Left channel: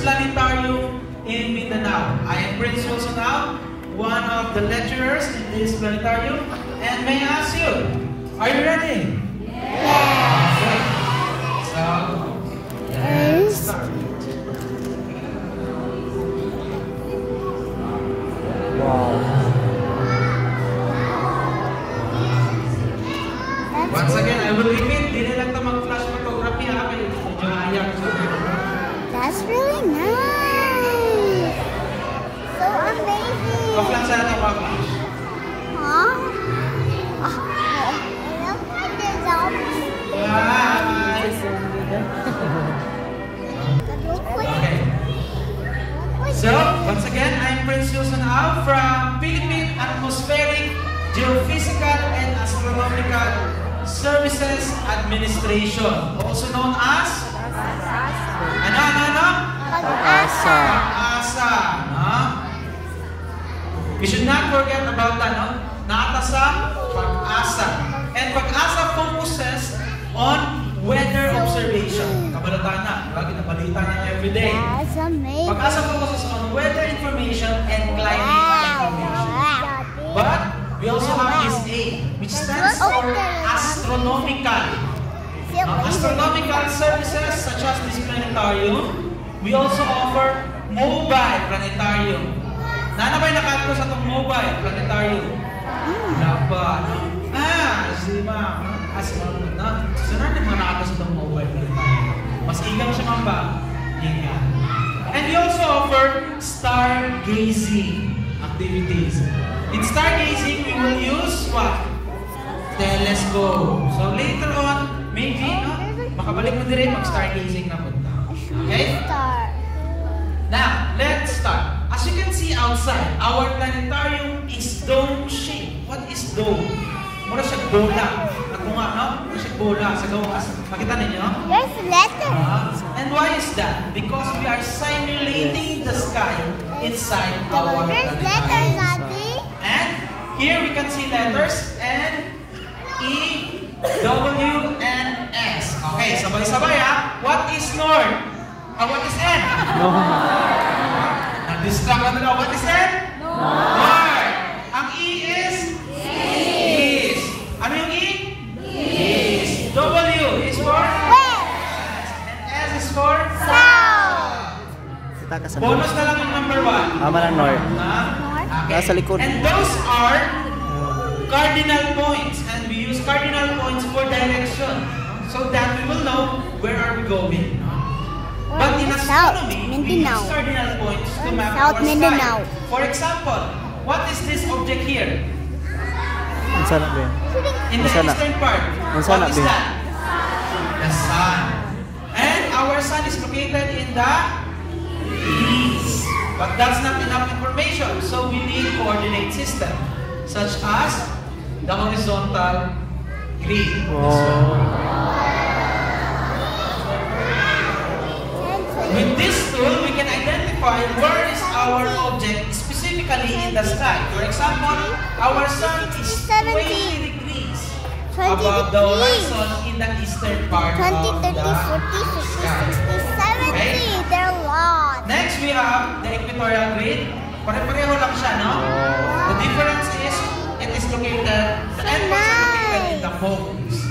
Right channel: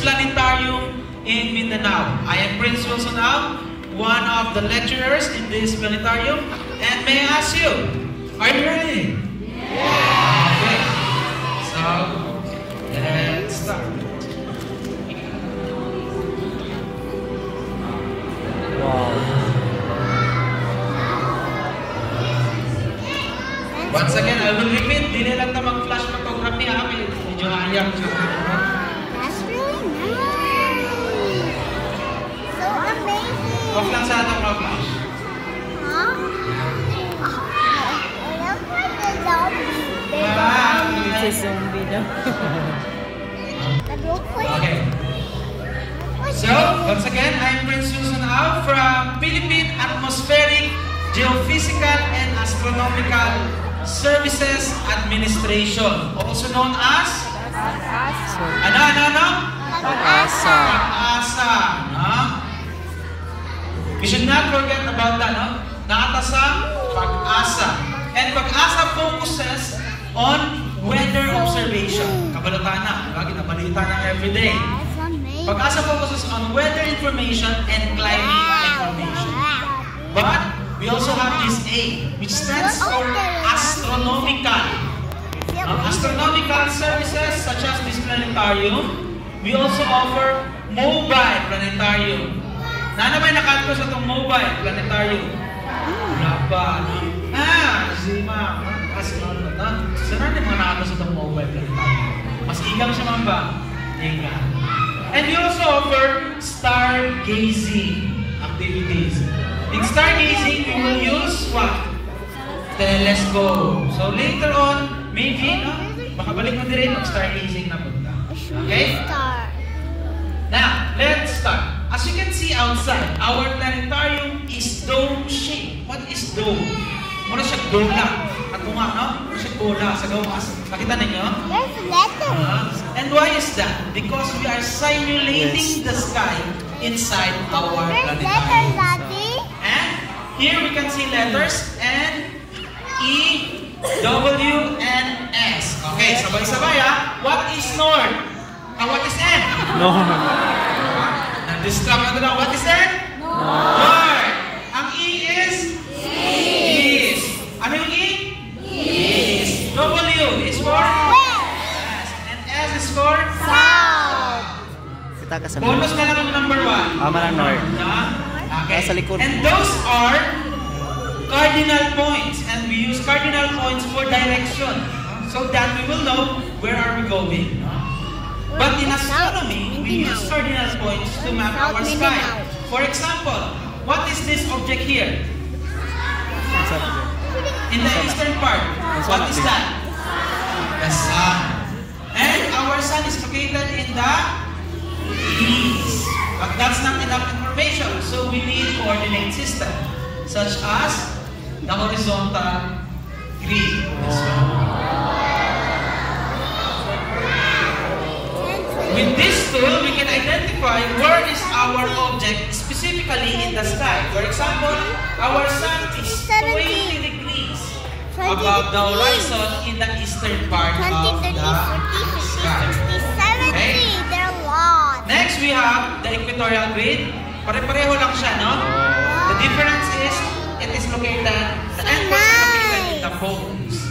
first planetarium in Mindanao. I am Prince Wilson Ao, one of the lecturers in this planetarium, and may I ask you, are you ready? Yeah. Okay. So, let's start. Wow. Once again, I will repeat, di na lang ito mag-flash photography ha, medyo naayak ko. That's really nice. So amazing. Off lang sa itong mag-flash. Huh? It looks like a zombie. It's a zombie though. It looks like Okay. So, once again, I'm Prince Wilson Ao from Philippine Atmospheric, Geophysical, and Astronomical Services Administration, also known as Pag-asa. Pag-asa, no? We should not forget about that, no? Nakatasa, Pag-asa. And Pag-asa focuses on weather observation. Kabalatan na, lagi na balita na everyday. that's amazing. Pag-asa focuses on weather information and climate information. But we also have this A, which stands for astronomical. Astronomical services such as this planetarium. We also offer mobile planetarium. Nanabay nakatko sa itong mobile planetarium. Wala pa. Kasi sana din mga nakatko sa itong mobile planetarium. Mas igang siya mga ba? Igang. And we also offer stargazing activities. In stargazing, we will use what? Telescope. So later on, maybe, no? Makabalik na din ang stargazing na punta. Okay? Now, let's start. As you can see outside, our planetarium is dome-shaped. What is dome? Muna siya bola. Matunga, no? Muna siya bola sa gawas. Makita ninyo? There's letters. And why is that? Because we are simulating the sky inside our There's letters, planetarium. Daddy. And here we can see letters N, E, W, and S. Okay, sabay-sabay ha. What is North? And what is N? No. Nag-distract na. What is N? North. Ang E is? East. Ano yung E? East. W is for? Yes. And S is for? South. Kita ka sa Bonus na lang ang number 1. Malang North. Okay. Nasa likod. And those are cardinal points. And we use cardinal points for direction. So that we will know where are we going. But in astronomy, we use cardinal points to map our sky. For example, what is this object here? In the eastern part, what is that? The sun. And our sun is located in the east. But that's not enough information. So we need coordinate system, such as the horizontal grid. With this tool, we can identify where is our object specifically in the sky. For example, our sun is 20 degrees above the horizon in the eastern part of the sky. Okay? There are a lot. Next, we have the equatorial grid. Pare-pareho lang siya, no? The difference is, it is located, the end is located in the poles.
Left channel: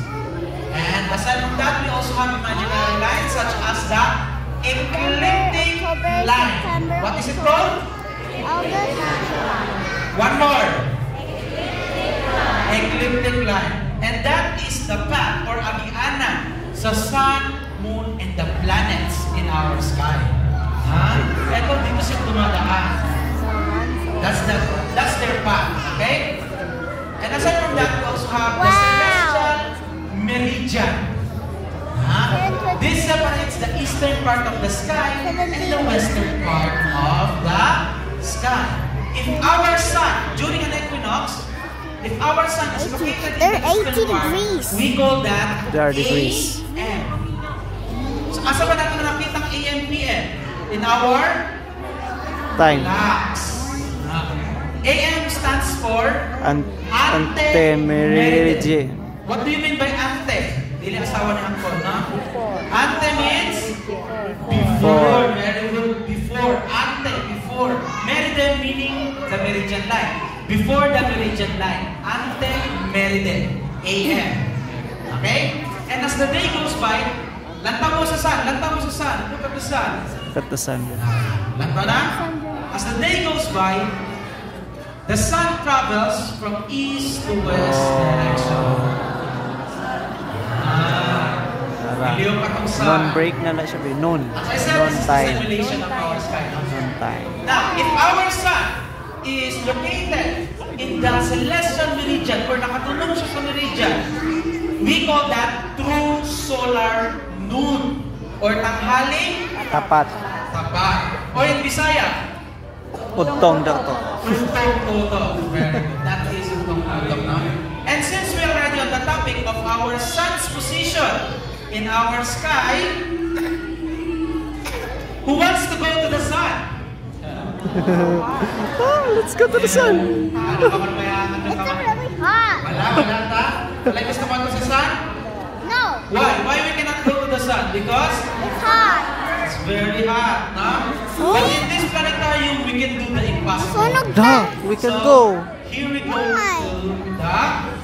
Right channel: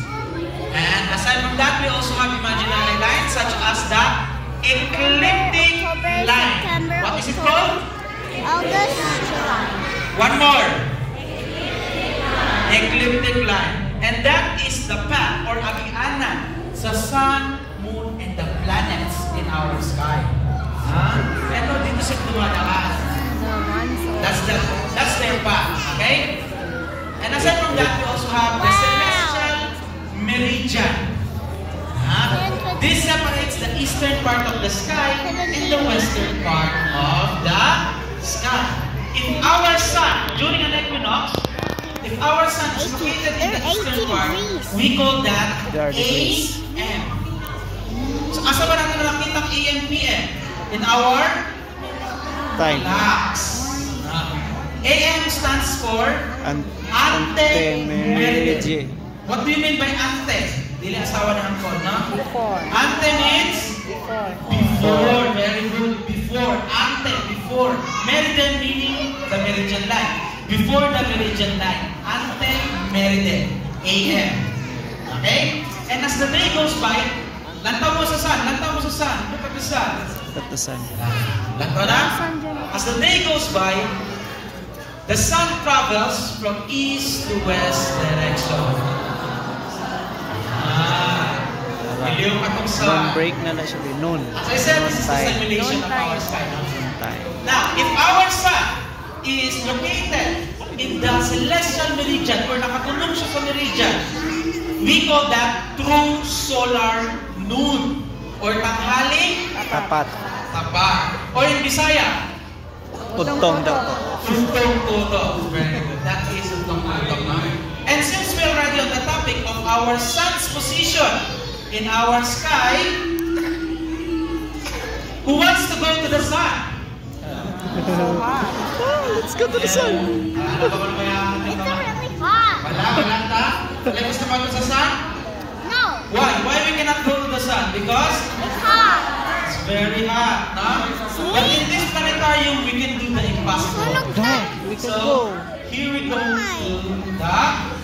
And aside from that, we also have imaginary lines such as the ecliptic line. What is it called? August, July. One more. Ecliptic line. And that is the path or agianan sa sun, moon, and the planets in our sky. Ito dito sa dumadaan. That's their path. Okay? And aside from that, we also have the celestial meridian. This separates the eastern part of the sky and the western part of the sky. If our sun, during an equinox, if our sun is located in the eastern part, we call that AM. So, asa ba natin nakita ang AM, PM? In our time. AM stands for Ante-meridian. What do you mean by ante? Dili asawa na ko, no? Ante means before. Very good. meridian line. Before the meridian line, ante-meridiem, AM. Okay? And as the day goes by, lantaw mo sa sun, lantaw mo sa sun, look at the sun. Look at the sun. Lantaw na? As the day goes by, the sun travels from east to west direction. Miliyon pa itong sun. Non-break na lang siya. Non. As I said, this is the Non-time. simulation of our sky. Non-time. Now, if our sun is located in the celestial meridian or nakatulong siya sa meridian, we call that true solar noon or tanghaling Tapat. tapat. Or in Bisaya, Utong daw to. Utong Toto. That is Utong Toto. And since we are already on the topic of our sun's position in our sky, who wants to go to the sun? Oh, let's go to the sun. Ano ba kung mayaman na It's naman? really hot. Wala ta? Wala gusto mo sa sun? No, Why? Why we cannot go to the sun? Because it's hot. it's very hot, no? But in this planetarium, we can do the impossible. Sunog Da, na. we can So, go. here we go to the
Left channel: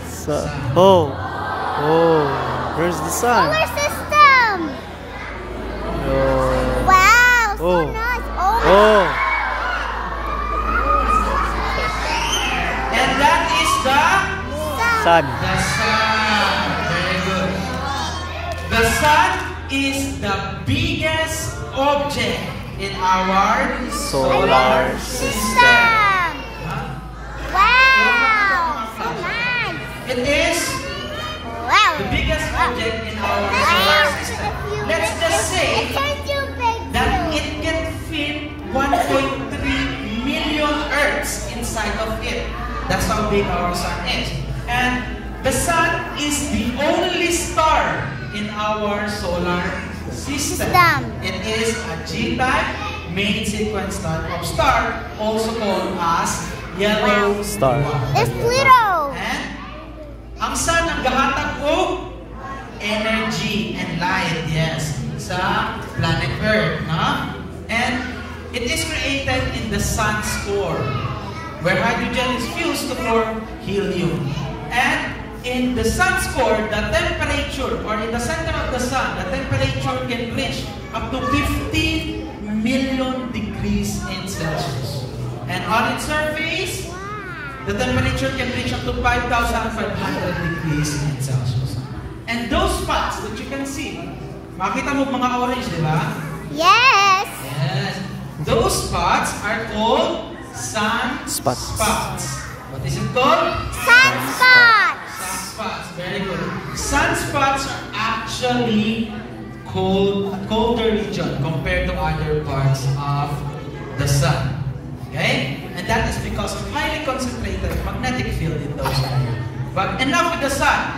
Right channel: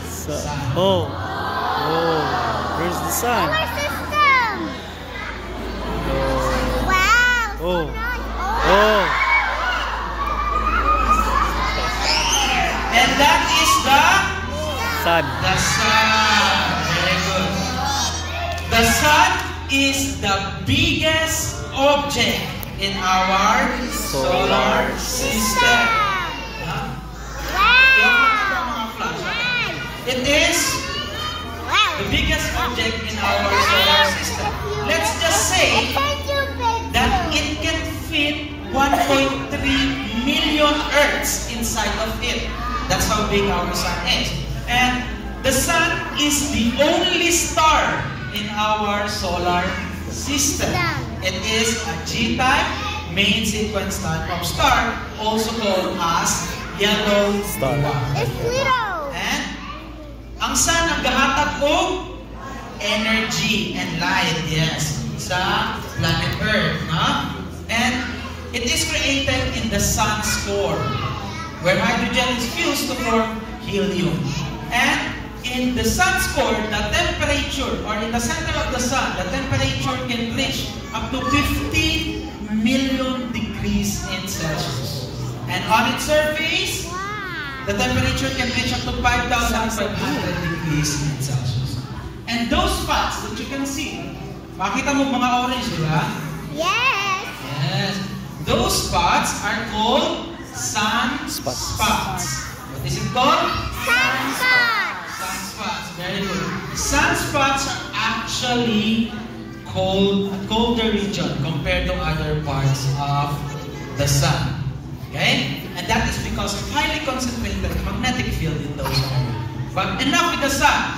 Sa oh. Oh. Where's the sun? Solar system. Oh. Wow, so Oh. nice. Oh. And that is the Sun. sun. Very good. The sun is the biggest object in our Solar system. Wow, so nice. It is Wow. the biggest object in our solar system. Let's just say that it can fit 1.3 million Earths inside of it. That's how big our sun is. And the sun is the only star in our solar system. It is a G-type main sequence type of star, also called as yellow Star. dwarf. It's Pluto. And ang sun ang gahatag og energy and light, yes, sa planet Earth, no? And it is created in the sun's core, where hydrogen is fused to form helium. And in the sun's core, the temperature, or in the center of the sun, the temperature can reach up to 15 million degrees in Celsius. And on its surface, the temperature can reach up to 5,500 degrees in Celsius. And those spots that you can see, makita mo mga orange, di ba? Yes. Yes. Those spots are called sunspots. Spots. What is it called? Sunspot. Sunspots. Very good. Sunspots are actually colder region compared to other parts of the sun. Okay? And that is because of highly concentrated magnetic field in those areas. But enough with the sun.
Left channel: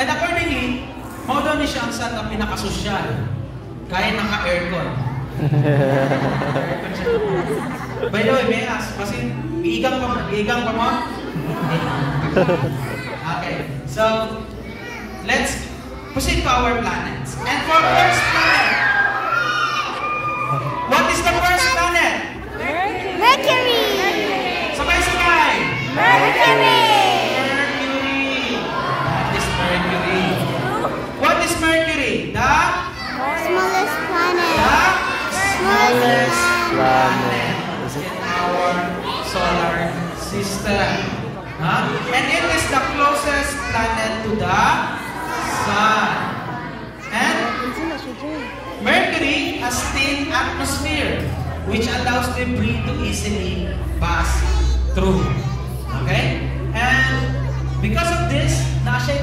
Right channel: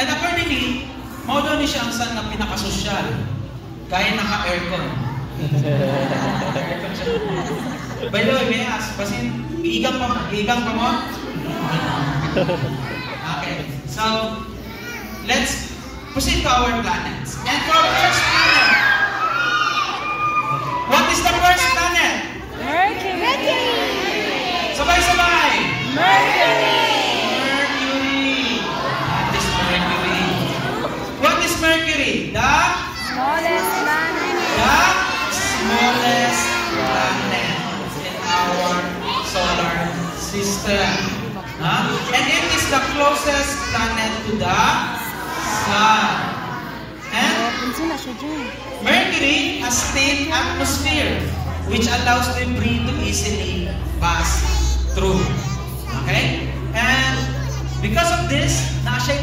And accordingly, mo daw ni siya ang sun na pinakasosyal. Kaya naka-aircon. Aircon siya. By the way, may ask. Kasi iigang pa mo? Okay. So, let's proceed to our planets. And for first planet, what is the first planet? Mercury. Sabay-sabay! Mercury. Mercury! That is Mercury. What is Mercury? The Smallest planet. smallest planet in our solar system. And it is the closest planet to the sun. And Mercury has thin atmosphere, which allows debris to easily pass through. Okay? And because of this, nasa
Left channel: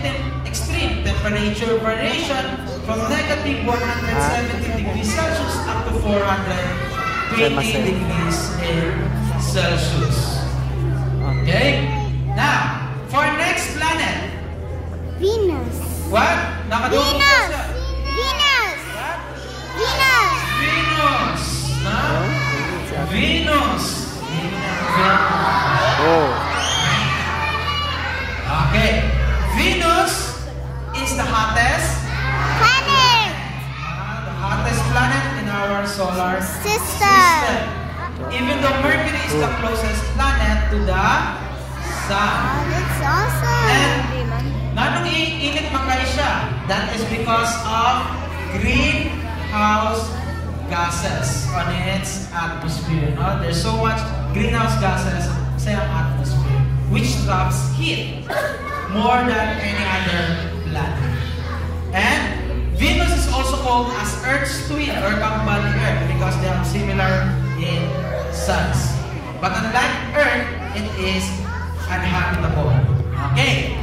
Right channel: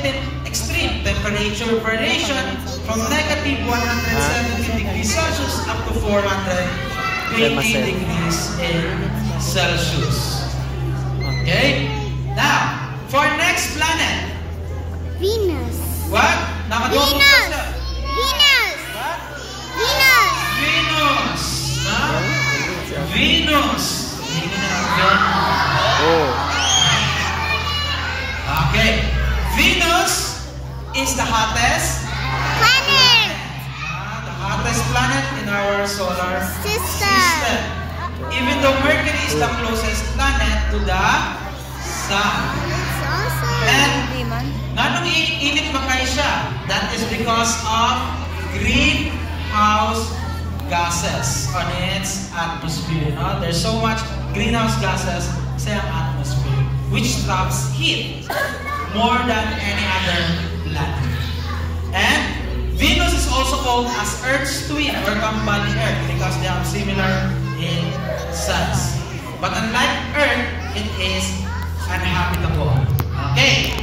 extreme temperature variation from negative 170 degrees Celsius up to 420 degrees in Celsius. Okay? Now, for next planet, Venus. what? Nakadukot Venus. ka siya. Venus. What? Venus. Venus. No? Oh. Venus. Oh. Okay. Venus is the hottest Planet. the hottest planet in our solar System. Even though Mercury is the closest planet, to the sun. That's awesome. And nanong init makay siya. That is because of greenhouse gases on its atmosphere. No? There's so much greenhouse gases sa atmosphere, which traps heat more than any other planet. And Venus is also called as Earth's twin or kambal ni Earth because they are similar in size. But unlike Earth, it is uninhabitable. Okay.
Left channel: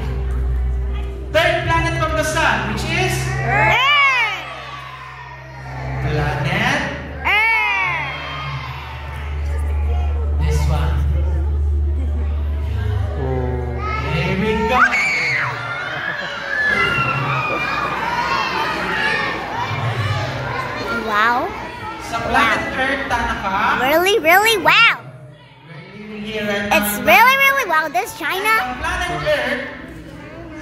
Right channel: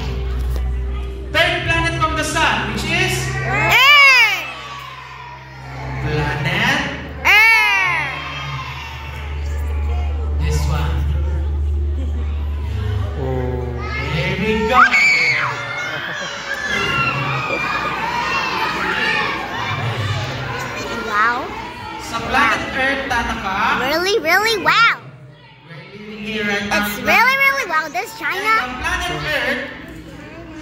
Third planet from the sun, which is Earth. planet. Earth. This one. Oh. Here we go. Wow. Sa planet Earth, Tanaka. Really, really wow. We're living here right now. It's really, really wow. This The China. planet Earth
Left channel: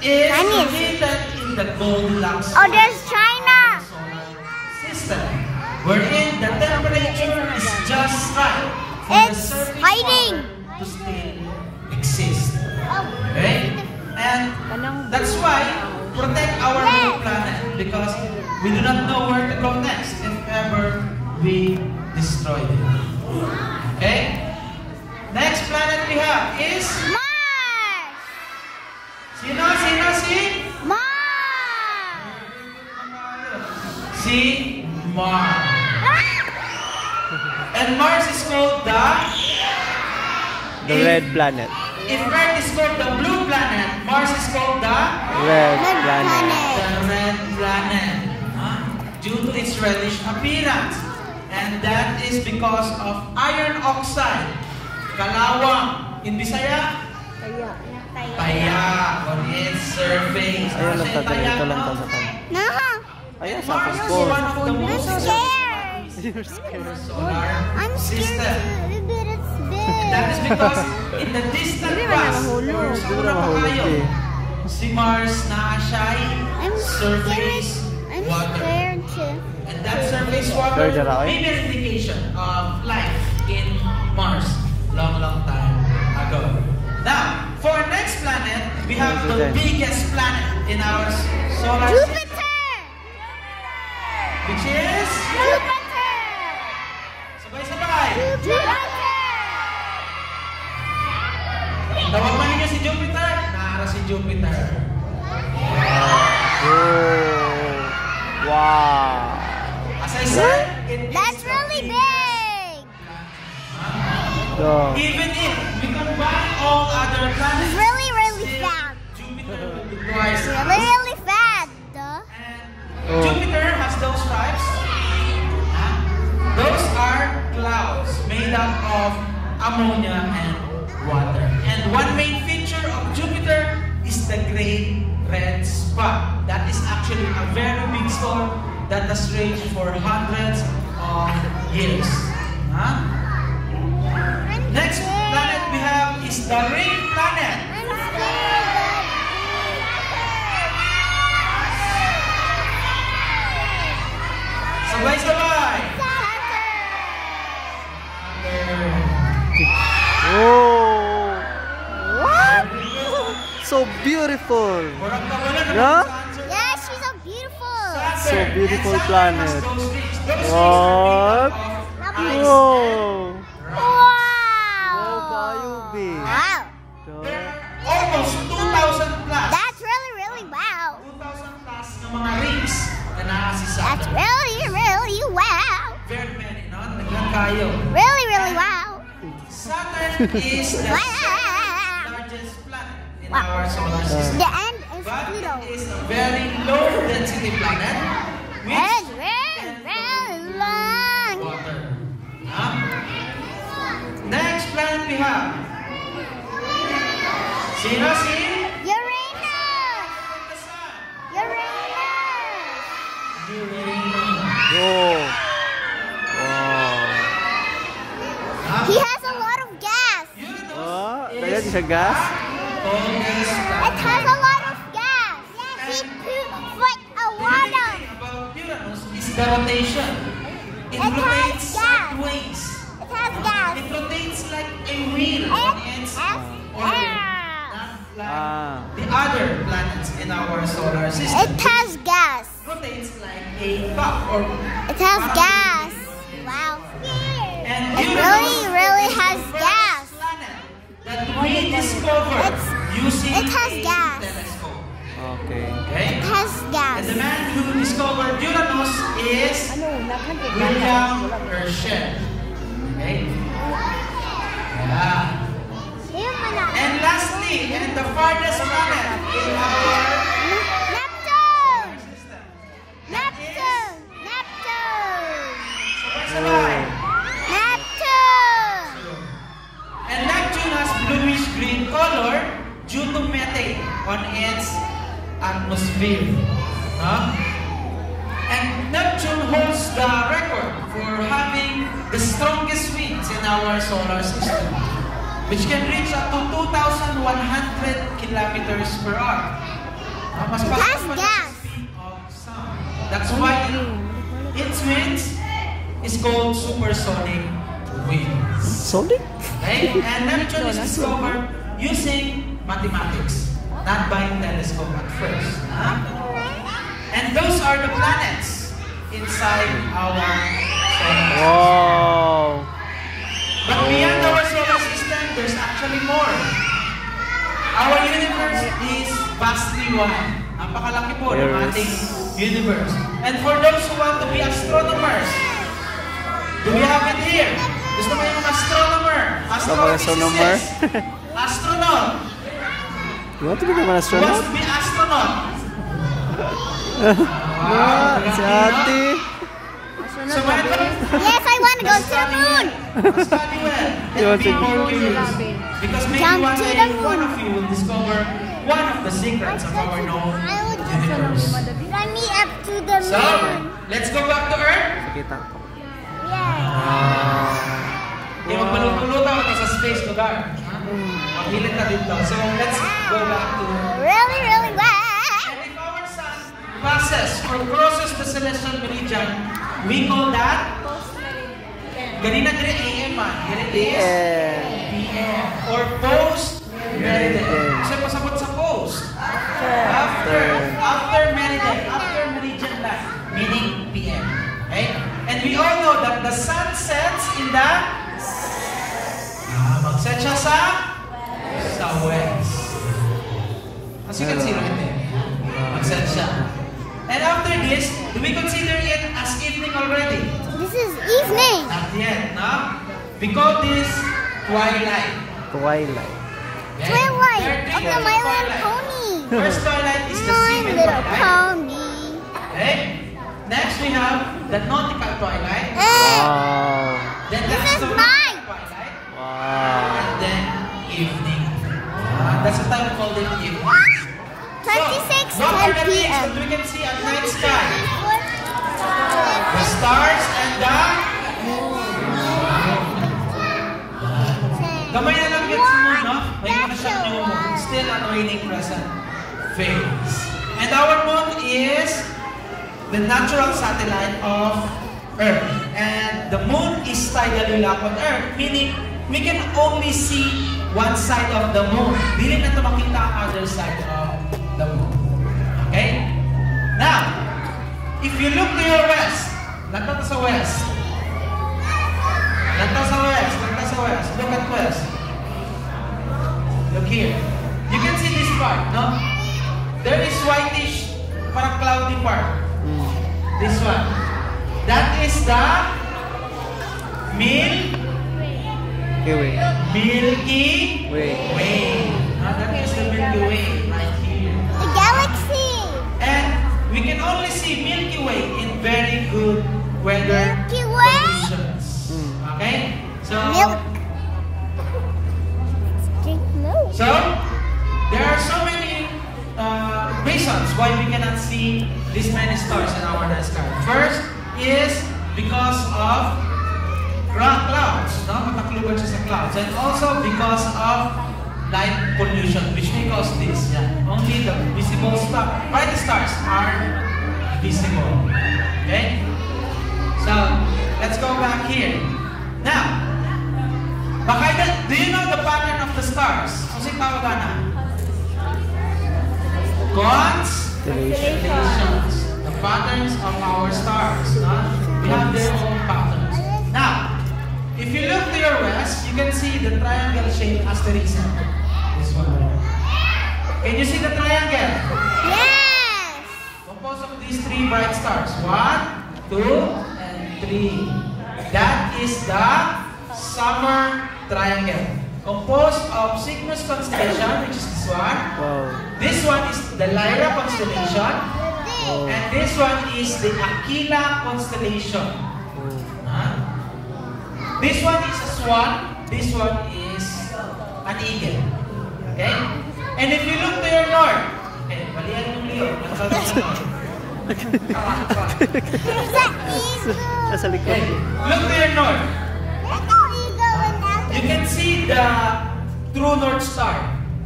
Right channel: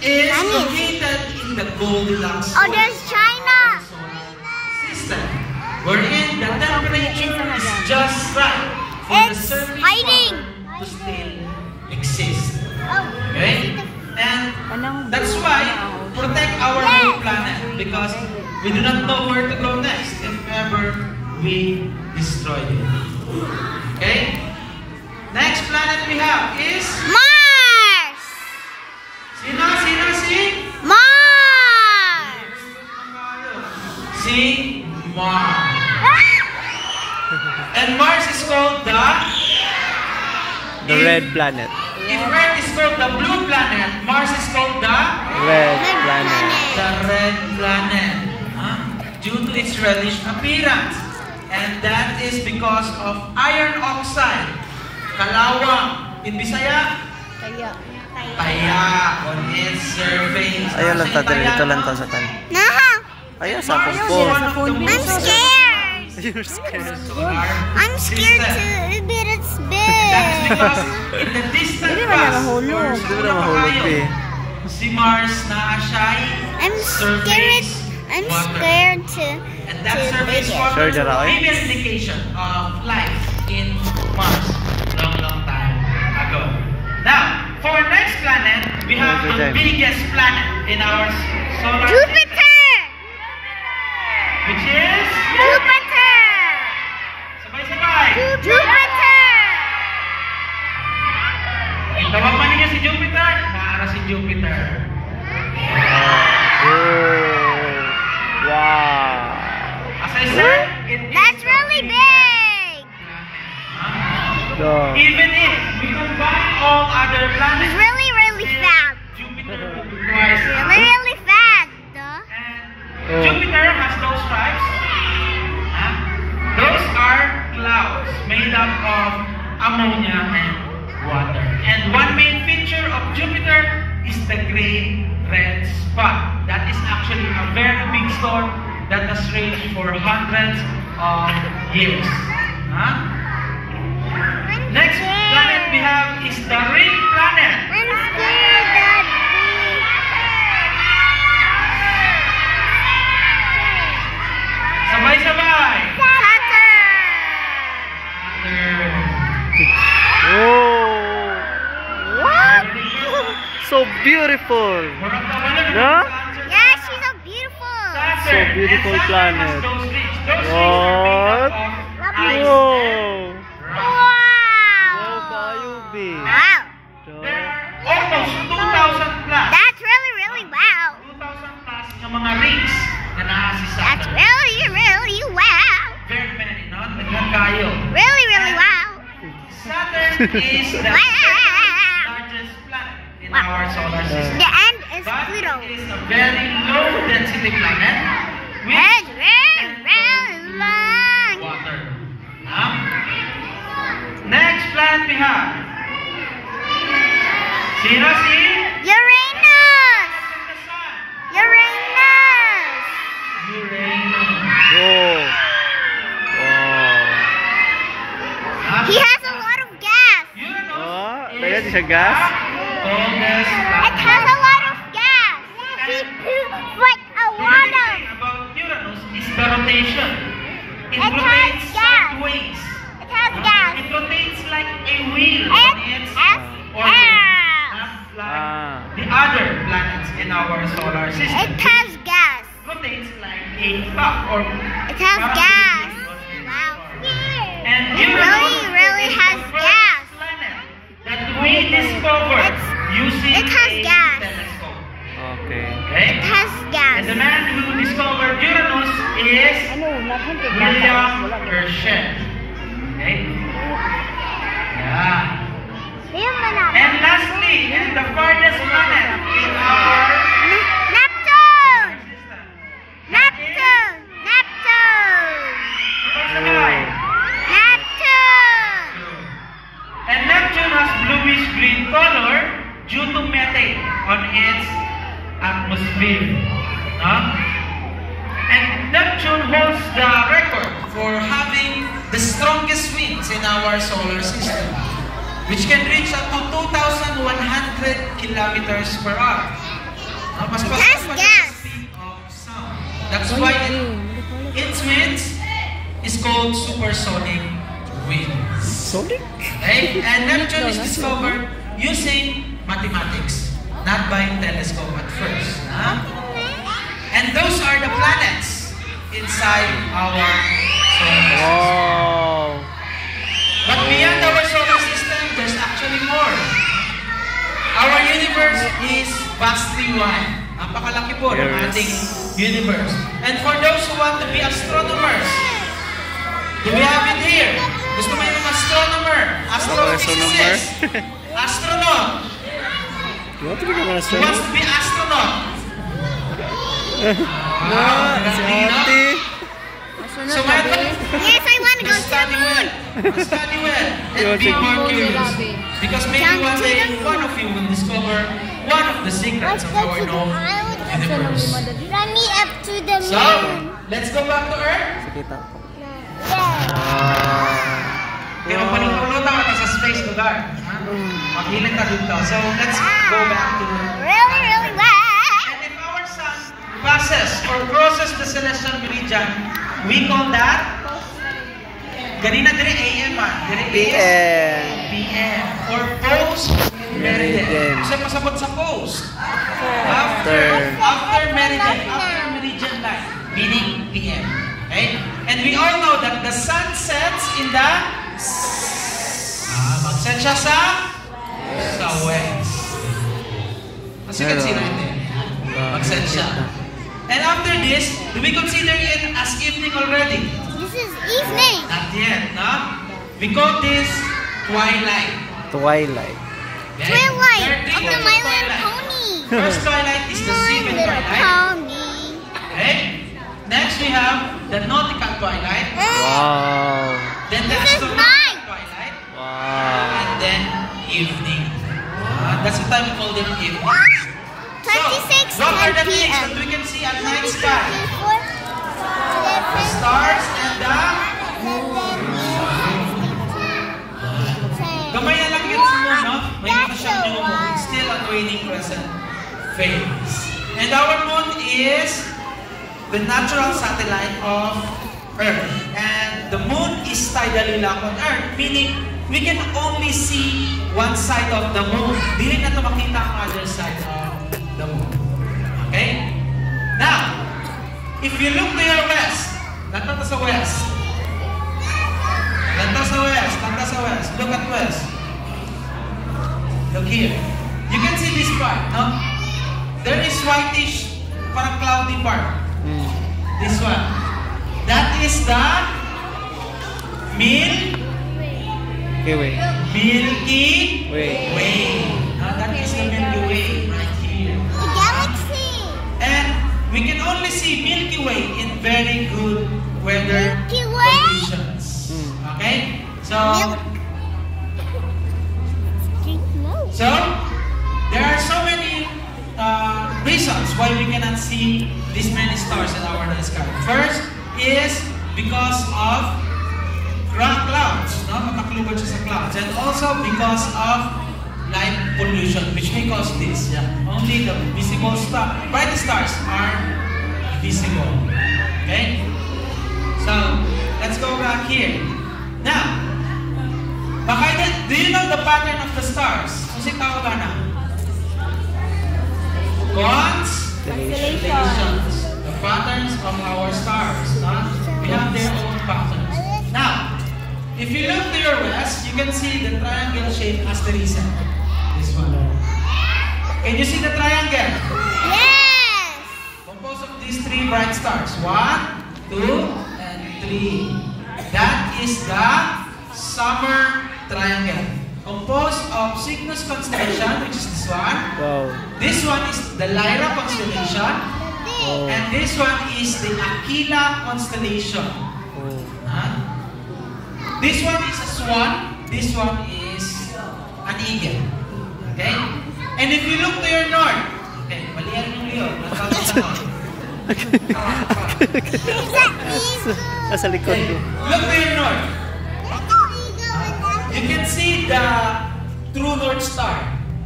is Chinese. located in the Goldilocks Oh, there's China. solar system, wherein the temperature is just right for the It's surface hiding. to still exist. Okay? And that's why protect our new planet because we do not know where to go next if ever we destroy it. Okay? Next planet we have is Mars. si Mars. Mars. And Mars is called The red planet. if Earth is called the blue planet, Mars is called the Red planet. red planet. Due to its reddish appearance. And that is because of iron oxide. Kalawang. In Bisaya? Taya on its surface. Ayaw lang ta, ito lang ta sa tan. Naha. Ayaw sa akong Mars is phone. one of the I'm most scared. You're scared. solar I'm scared system. too, but it's That is big. because in the distant past, Di ba na mahulog eh? si Mars na siya'y I'm scared. surface I'm water. scared to. And that surface water Sure, Jara, eh? may be an indication of life in Mars long time ago. Now, for our next planet, we have Yes, the okay. biggest planet in our solar system, Jupiter. which is Jupiter. sabay-sabay. Jupiter. Tawag man niya si Jupiter, para si Jupiter. Oh. Wow. As I said, it is That's the really biggest big. planet. So, Even if we combine all other planets, It's really, really fat. Jupiter will be twice. Really, really fat. Duh. And Oh. Jupiter has those stripes. Those are clouds made up of ammonia and water. And one main feature of Jupiter is the great red spot. That is actually a very big storm that has raged for hundreds of years. Next planet we have is the ring planet. I'm scared, Daddy. Sabay-sabay! Saturn. oh. What? So beautiful. Yeah? Yeah, she's so beautiful. So beautiful planet. What? What? Whoa. Wow. Wow, kayo, be. Wow. There are almost 2,000 plus. That's really, really wow. 2,000 plus ng mga rings na naasi sa That's really, really wow. very many, no? Naglang kayo. Really, really wow. Saturn is the largest planet in our solar system. The end is But Pluto. it is a very low density planet And which very, very long. water. Next planet we have. Sino si? Uranus. The sun. Uranus. Uranus. Oh. Wow. He has a lot of gas. Uranus Ah, is dagan siya gas? the coldest It planet. has a lot of gas. He poops like a The lot unique of. thing about Uranus is the rotation. It It has rotates gas. sideways. It has gas. It rotates like a wheel And, on its solar system. It has gas. Rotates like a clock or It has gas. Wow. and It really is has the first gas. planet that we discovered using It has a gas. telescope. Okay. Okay? It has gas. And the man who discovered Uranus is William Herschel. Okay? Yeah. And lastly, and the farthest planet in our Neptune. system. Neptune. Neptune. Sabay-sabay. Neptune. And Neptune has bluish-green color due to methane on its atmosphere. And Neptune holds the record for having the strongest winds in our solar system, which can reach up to 2,100 kilometers per hour. Mas It has fast pa siya gas. sa speed of sound. That's why its winds is called supersonic winds. Sonic? Okay? And Neptune is discovered using mathematics, not by telescope at first. And those are the planets inside our solar system. Wow. But beyond our solar system, there's actually more. Our universe is vastly wide. Napakalaki po ng Yes. ating universe. And for those who want to be astronomers, do we have it here? Gusto mo yung astronomer? Astronomer? Astronaut. You want to become an Who wants astronaut? to be astronaut? No, si ate. So why don't Yes, I want to go to the study moon. well? Study well You and want be to- more curious. Because maybe Jump one to day, the moon. one of you will discover one of the secrets of our known universe. Run me up to the So, moon. let's go back to Earth. Kita ko. Yeah. Kaya magpalupulutan ka sa space lugar. Makilit ka dito. So, let's go back to Earth. Really, really well. And if our sun passes or crosses the celestial meridian, we call that ganina dire AM dire PM. PM or post meridian. Meridian. So pasabot sa post. After. After meridian line, meaning PM. Okay? And we all know that the sun sets in the magset siya sa west. As you can see right there. Magset siya. And after this, do we consider it as evening already? This is evening. Not yet, no? We call this twilight. Twilight. Okay? Twilight. There are That's three a types of My Little twilight. Pony. First twilight is the My seven Little twilight. Pony. Okay? Next we have the nautical twilight. Wow. Then the This is astronomical night. twilight. Wow. And then evening. That's the time we call them evening. 26 What are the things p.m. that we can see at night sky? The stars and the gamay na lang gets mo, no? May mga siyang new moon. It's still a waning crescent phase. And our moon is the natural satellite of Earth. And the moon is tidally locked on Earth, meaning we can only see one side of the moon. Dili na ito makita ang other side of the moon. Okay? Now, if you look to your west, lantaw sa west. Lantaw sa west, lantaw sa west. Look at west. Look here. You can see this part, no? There is whitish, parang cloudy part. This one. That is the Milky Way. Now that is the Milky Way right here. The galaxy. And we can only see Milky Way in very good weather Milky Way? conditions. Okay? So, Milk. Drink milk. so there are so many reasons why we cannot see this many stars in our night sky. First is because of clouds, no? Matakluban siya sa clouds. And also because of light pollution, which may cause this. Yeah. Only the visible bright stars are visible. Okay? So, let's go back here. Now, do you know the pattern of the stars? Kasi tao ba na? Cones, constellations, the patterns of our stars. We have their own patterns. Now, if you look to your west, you can see the triangle shape as the reason. This one. Can you see the triangle? Yes. Composed of these three bright stars. 1, 2, and 3. That is the summer triangle. Composed of Cygnus constellation, which is this one. Wow. This one is the Lyra constellation. Wow. And this one is the Aquila constellation. This one is a swan. This one is an eagle. Okay? And if you look to your north, okay, balian yung liyo. Nasa likod Okay, ko. look to your north. You can see the true north star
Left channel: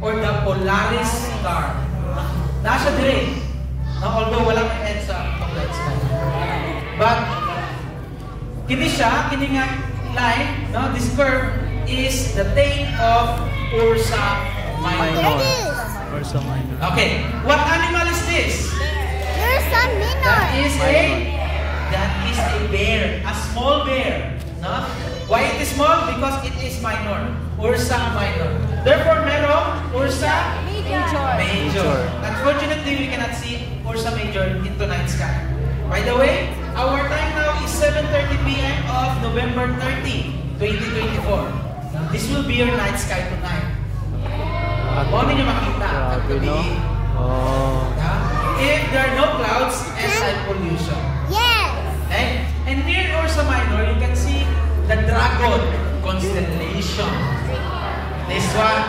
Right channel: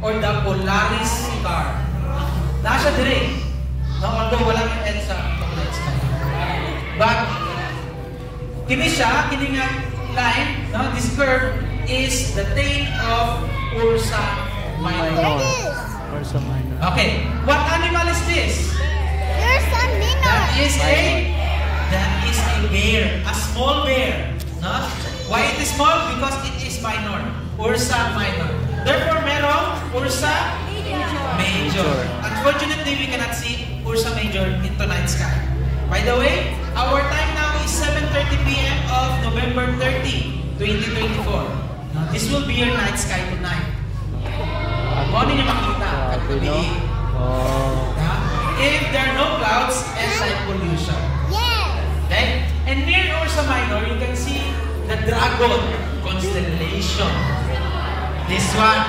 or the Polaris star. Nasa dire. Now, although walang end sa Polaris star. But, kini siya, kini nga line, no? This curve is the tail of Ursa Minor. Ursa Minor. Okay, what animal is this? Ursa That Minor. is a bear, a small bear. No? Why it is small? Because it is minor. Ursa Minor. Therefore, merong Ursa Major. Unfortunately, we cannot see Ursa Major into night sky. By the way, our time now is 7:30 p.m. of November 30, 2024. This will be your night sky tonight. Morning yung makita. Grabe, no? Oh. If there are no clouds and light pollution. Yes. Okay? And near Ursa Minor, you can see the Dragon constellation. This one.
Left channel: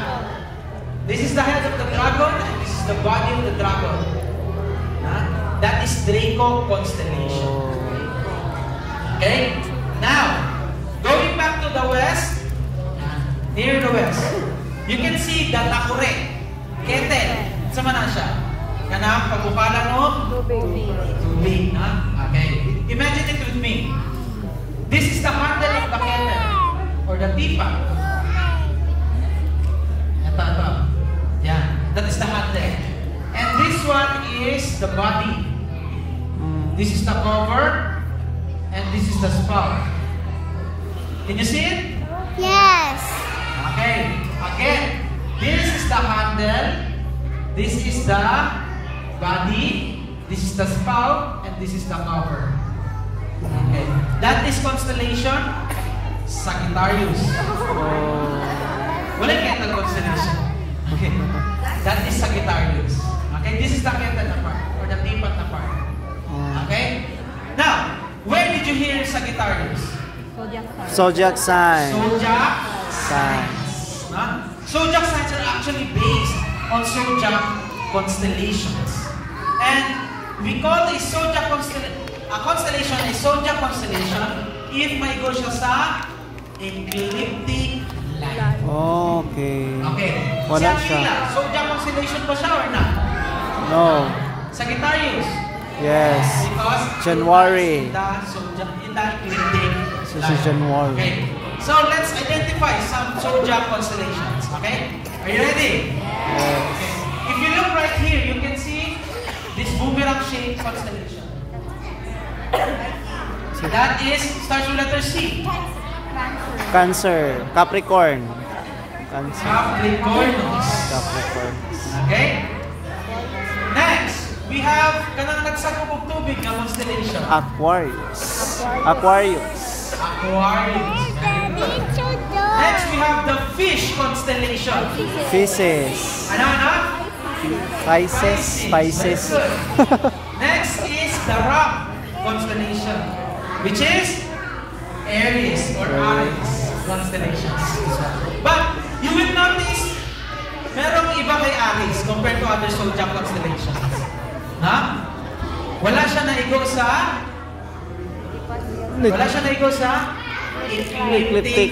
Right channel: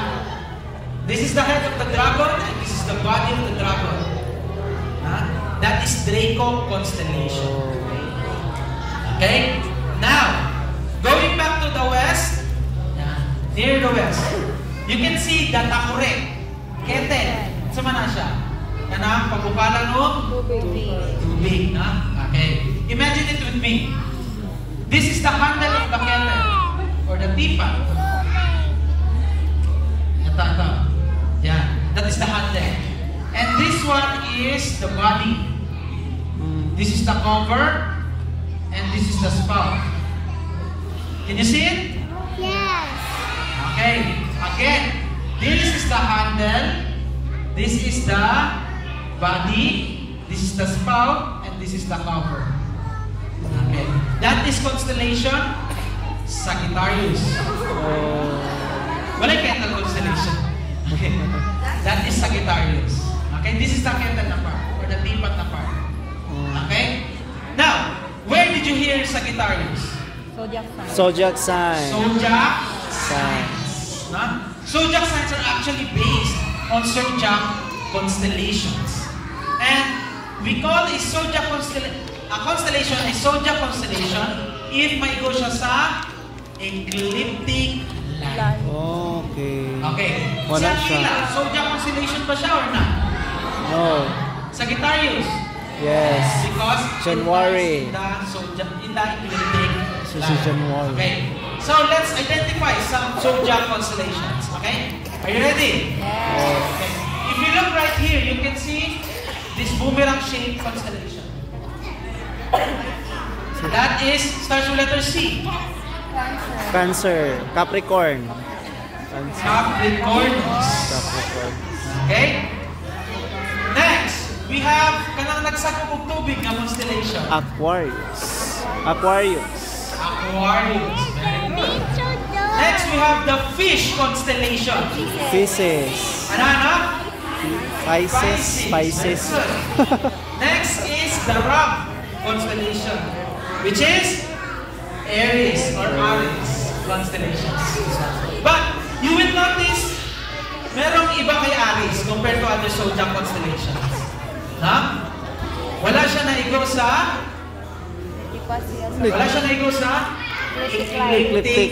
This is the head of the dragon, and this is the body of the dragon. That is Draco constellation. Okay? Now, going back to the west, near the west, you can see the Takure. Ketel. Sama na siya. Kanang pagbukalan o? Tubig. Na? Okay. Imagine it with me. This is the handle of the kettle or the teapot. Ito. Yeah. That is the handle. And this one is the body. This is the cover. And this is the spout. Can you see it? Yes. Okay. Again, this is the handle. This is the body. This is the spout. And this is the cover. Okay. That is constellation Sagittarius. Oh. Wala yung kettle constellation. Okay. That is Sagittarius. Okay. This is the kettle na part. Or the teapot na part. Okay. Now, where did you hear Sagittarius? Zodiac sign. Zodiac Sign. Zodiac signs are actually based on zodiac constellations. And we call a zodiac constellation a zodiac constellation if may go siya sa ecliptic line. Okay. Okay. Wala Si siya. Aquila, zodiac constellation ba siya or not? No. Sagittarius. Yes. Because January. it is in the ecliptic So, line. si January. Okay. So let's identify some zodiac constellations. Okay? Are you ready? Yes. Okay. If you look right here, you can see this boomerang-shaped constellation. That is starts with letter C. Cancer. Capricorn. Cancer. Capricornus. Capricorn. Okay? Next, we have kanang nagsagupog tubig na constellation. Aquarius. Aquarius. Aquarius. Next, we have the fish constellation. Pisces. Ano? Pisces. Pisces. Next is the rock constellation, which is Aries or Aries constellation. But you will notice, merong iba kay Aries compared to other zodiac constellations. Na? Wala siya naigor sa Ecliptic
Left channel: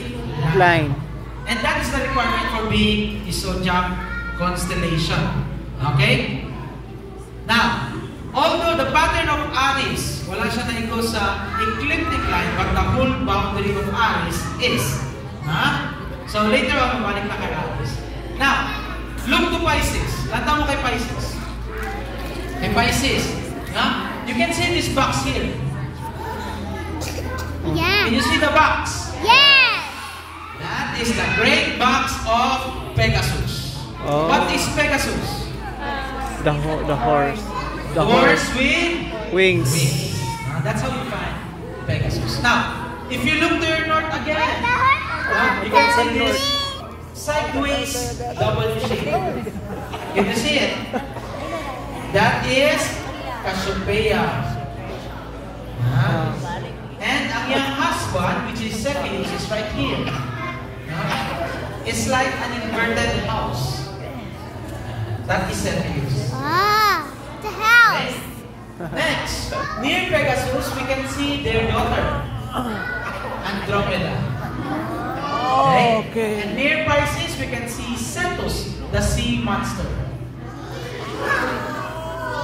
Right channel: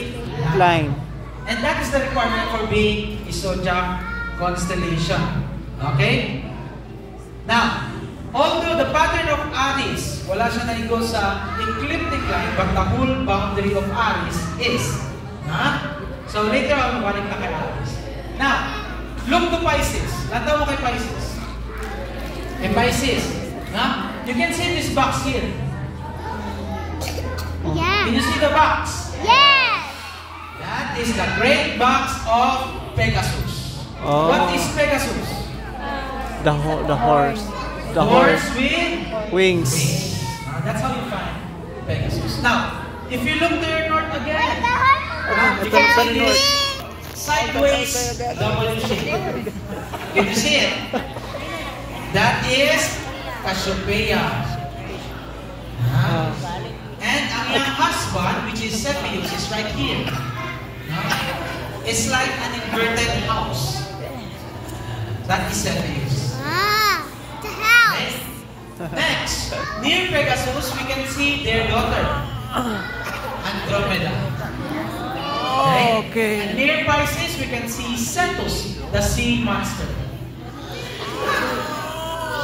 line. And that is the requirement for being a zodiac constellation. Okay? Now, although the pattern of Aries, wala siya naigo sa ecliptic line, but the whole boundary of Aries is. So later on, balik na kay Aries. Now, look to Pisces. Lantaw mo kay Pisces. Kay Pisces. You can see this box here. Yeah. Can you see the box? Yes. That is the great box of Pegasus. Oh. What is Pegasus? The horse. The Horse horse. with Wings. wings. That's how you find Pegasus. Now, if you look to your north again, you can see this sideways double shape. Can you see it? That is Cassiopeia. And ang iyang husband, which is Cepheus, is right here. It's like an inverted house. That is Cepheus. Ah, the house. Next, near Pegasus, we can see their daughter, Andromeda. Okay. And near Pisces, we can see Cetus, the sea monster.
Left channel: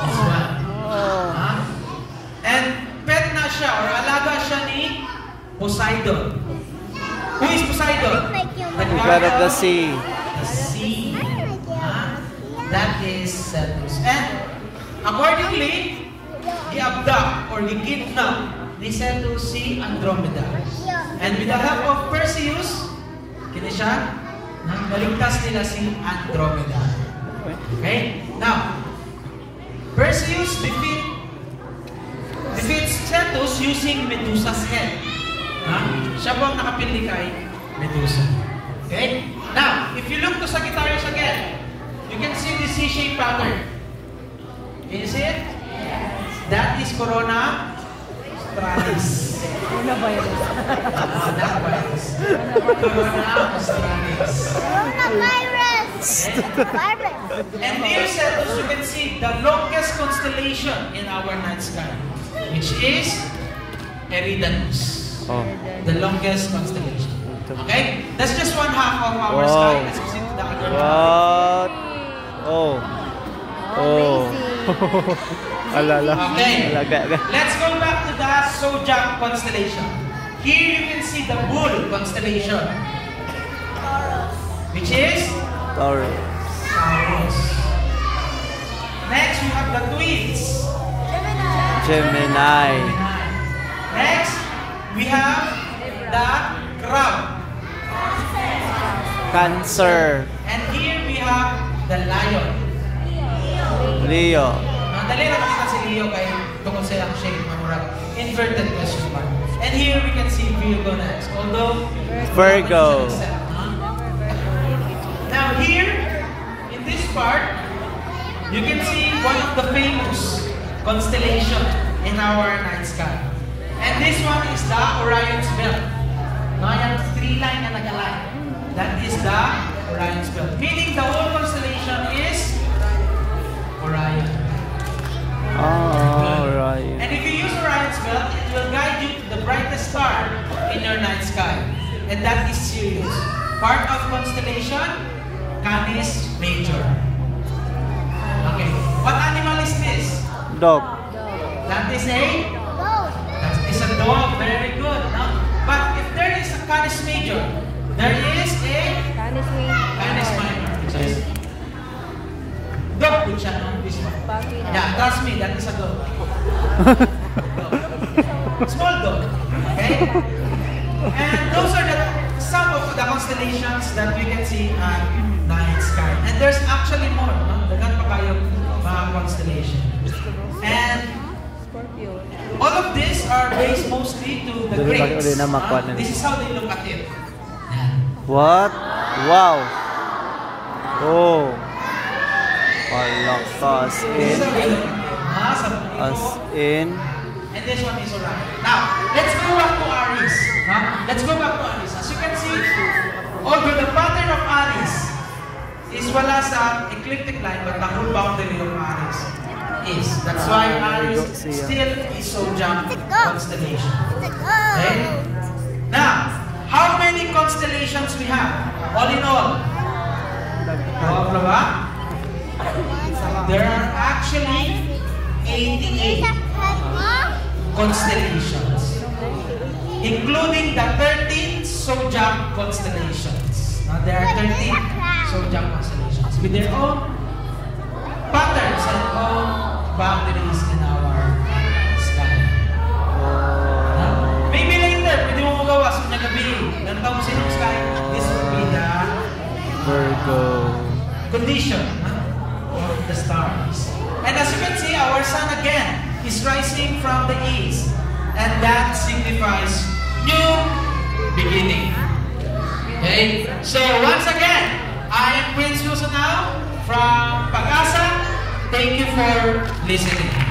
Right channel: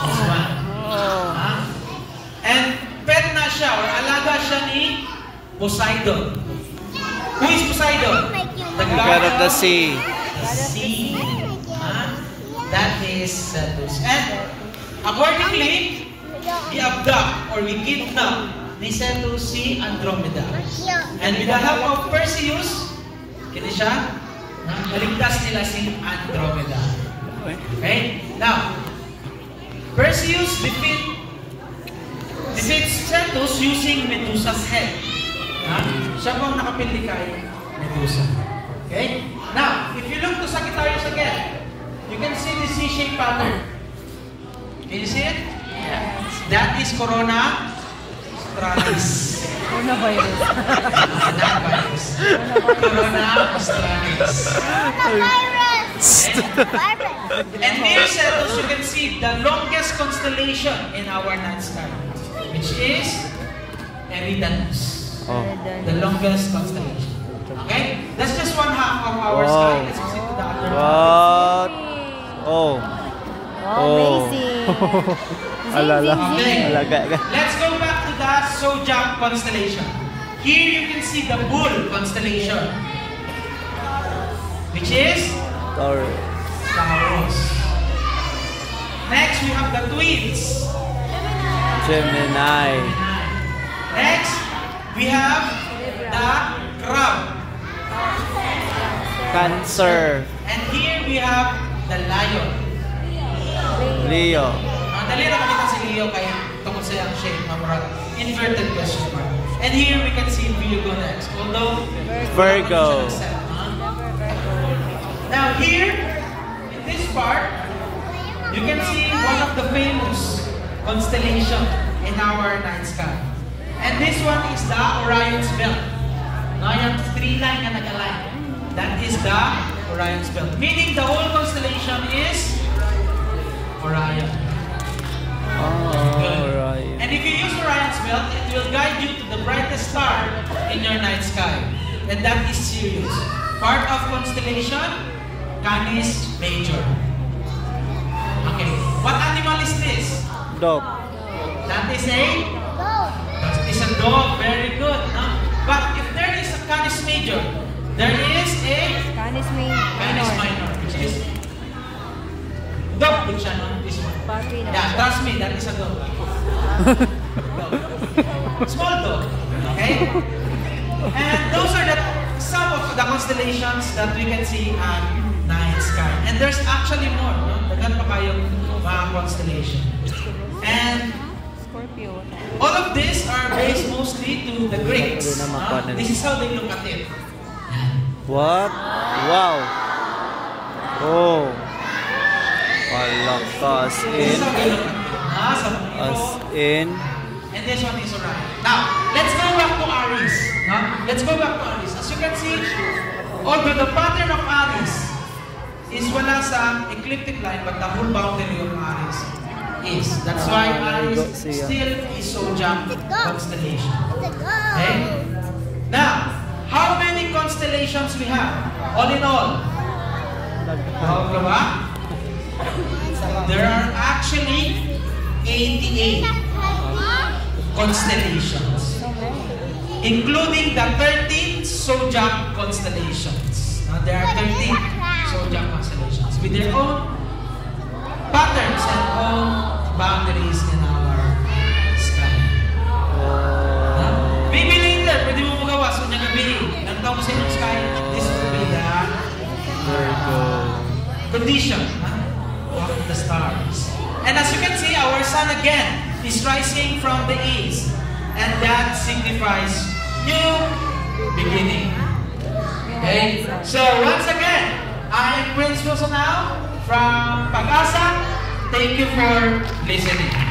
This one. And pet na siya, or alaga siya ni Poseidon. Who is Poseidon? The God of the sea. The sea. That is Cetus. And accordingly, we abduct or we kidnap ni Cetus si Andromeda. And with the help of Perseus, kini siya, naligtas nila si Andromeda. Okay? Now, Perseus defeats Cetus using Medusa's head. Siya po ang nakapindi kay Medusa. Okay? Now, if you look to Sagittarius again, you can see the C-shaped pattern. Can you see it? That is Corona Australis. Not virus. Corona Australis. And near Cetus, you can see the longest constellation in our night sky, which is Eridanus. Oh. The longest constellation. Okay? That's just one half of our Wow. sky. Let's proceed to the other half. What? Oh. Oh. Alala. Okay. Alaga. Let's go back to the Zodiac constellation. Here you can see the Bull constellation, which is Taurus. Taurus. Next, we have the Twins. Gemini. Next, we have the Crab. Cancer. And here we have the Lion. Leo. Dali na makita si Leo kay tungkol sa yung shape ng mga inverted question mark. And here we can see Virgo next. Although, Virgo. Now here, in this part, you can see one of the famous constellation in our night sky. And this one is the Orion's Belt. Now, yung three line na nag-align. That is the Orion's Belt. Meaning the whole constellation is Orion. Oh, right. And if you use Orion's Belt, it will guide you to the brightest star in your night sky. And that is Sirius. Part of constellation, Canis Major. Okay. What animal is this? Dog. That is a Go. That is a dog. Very good. But if there is a Canis Major, there is a Canis Minor, which is dog. Put siya on this one. Yeah, trust me, that is a dog. Dog. Small dog. Okay? And those are some of the constellations that we can see on night sky. And there's actually more. Dagan pa kayong mga constellation. And all of these are based mostly to the Greeks. This is how they look at it. What? Wow. Oh. Palakas in. As in. And this one is Orion. Now, let's go back to Aries. Let's go back to Aries. As you can see, although the pattern of Aries is wala sa ecliptic line, but the whole boundary of Aries is. That's why Aries still is Zodiac constellation. Okay? Now, how many constellations we have? All in all? There are actually 88 constellations, including the 13 Zodiac constellations. There are 13 Zodiac constellations with their own patterns and own boundaries in our sky. Maybe later, pwede mo magawa. So, niya gabi, ganun mo sa inyong sky, this will be the Virgo. condition of the stars. And as you can see, our sun again is rising from the east. And that signifies new beginning. Okay? So, once again, I am Queen Susan now from Pag-asa. Thank you for listening.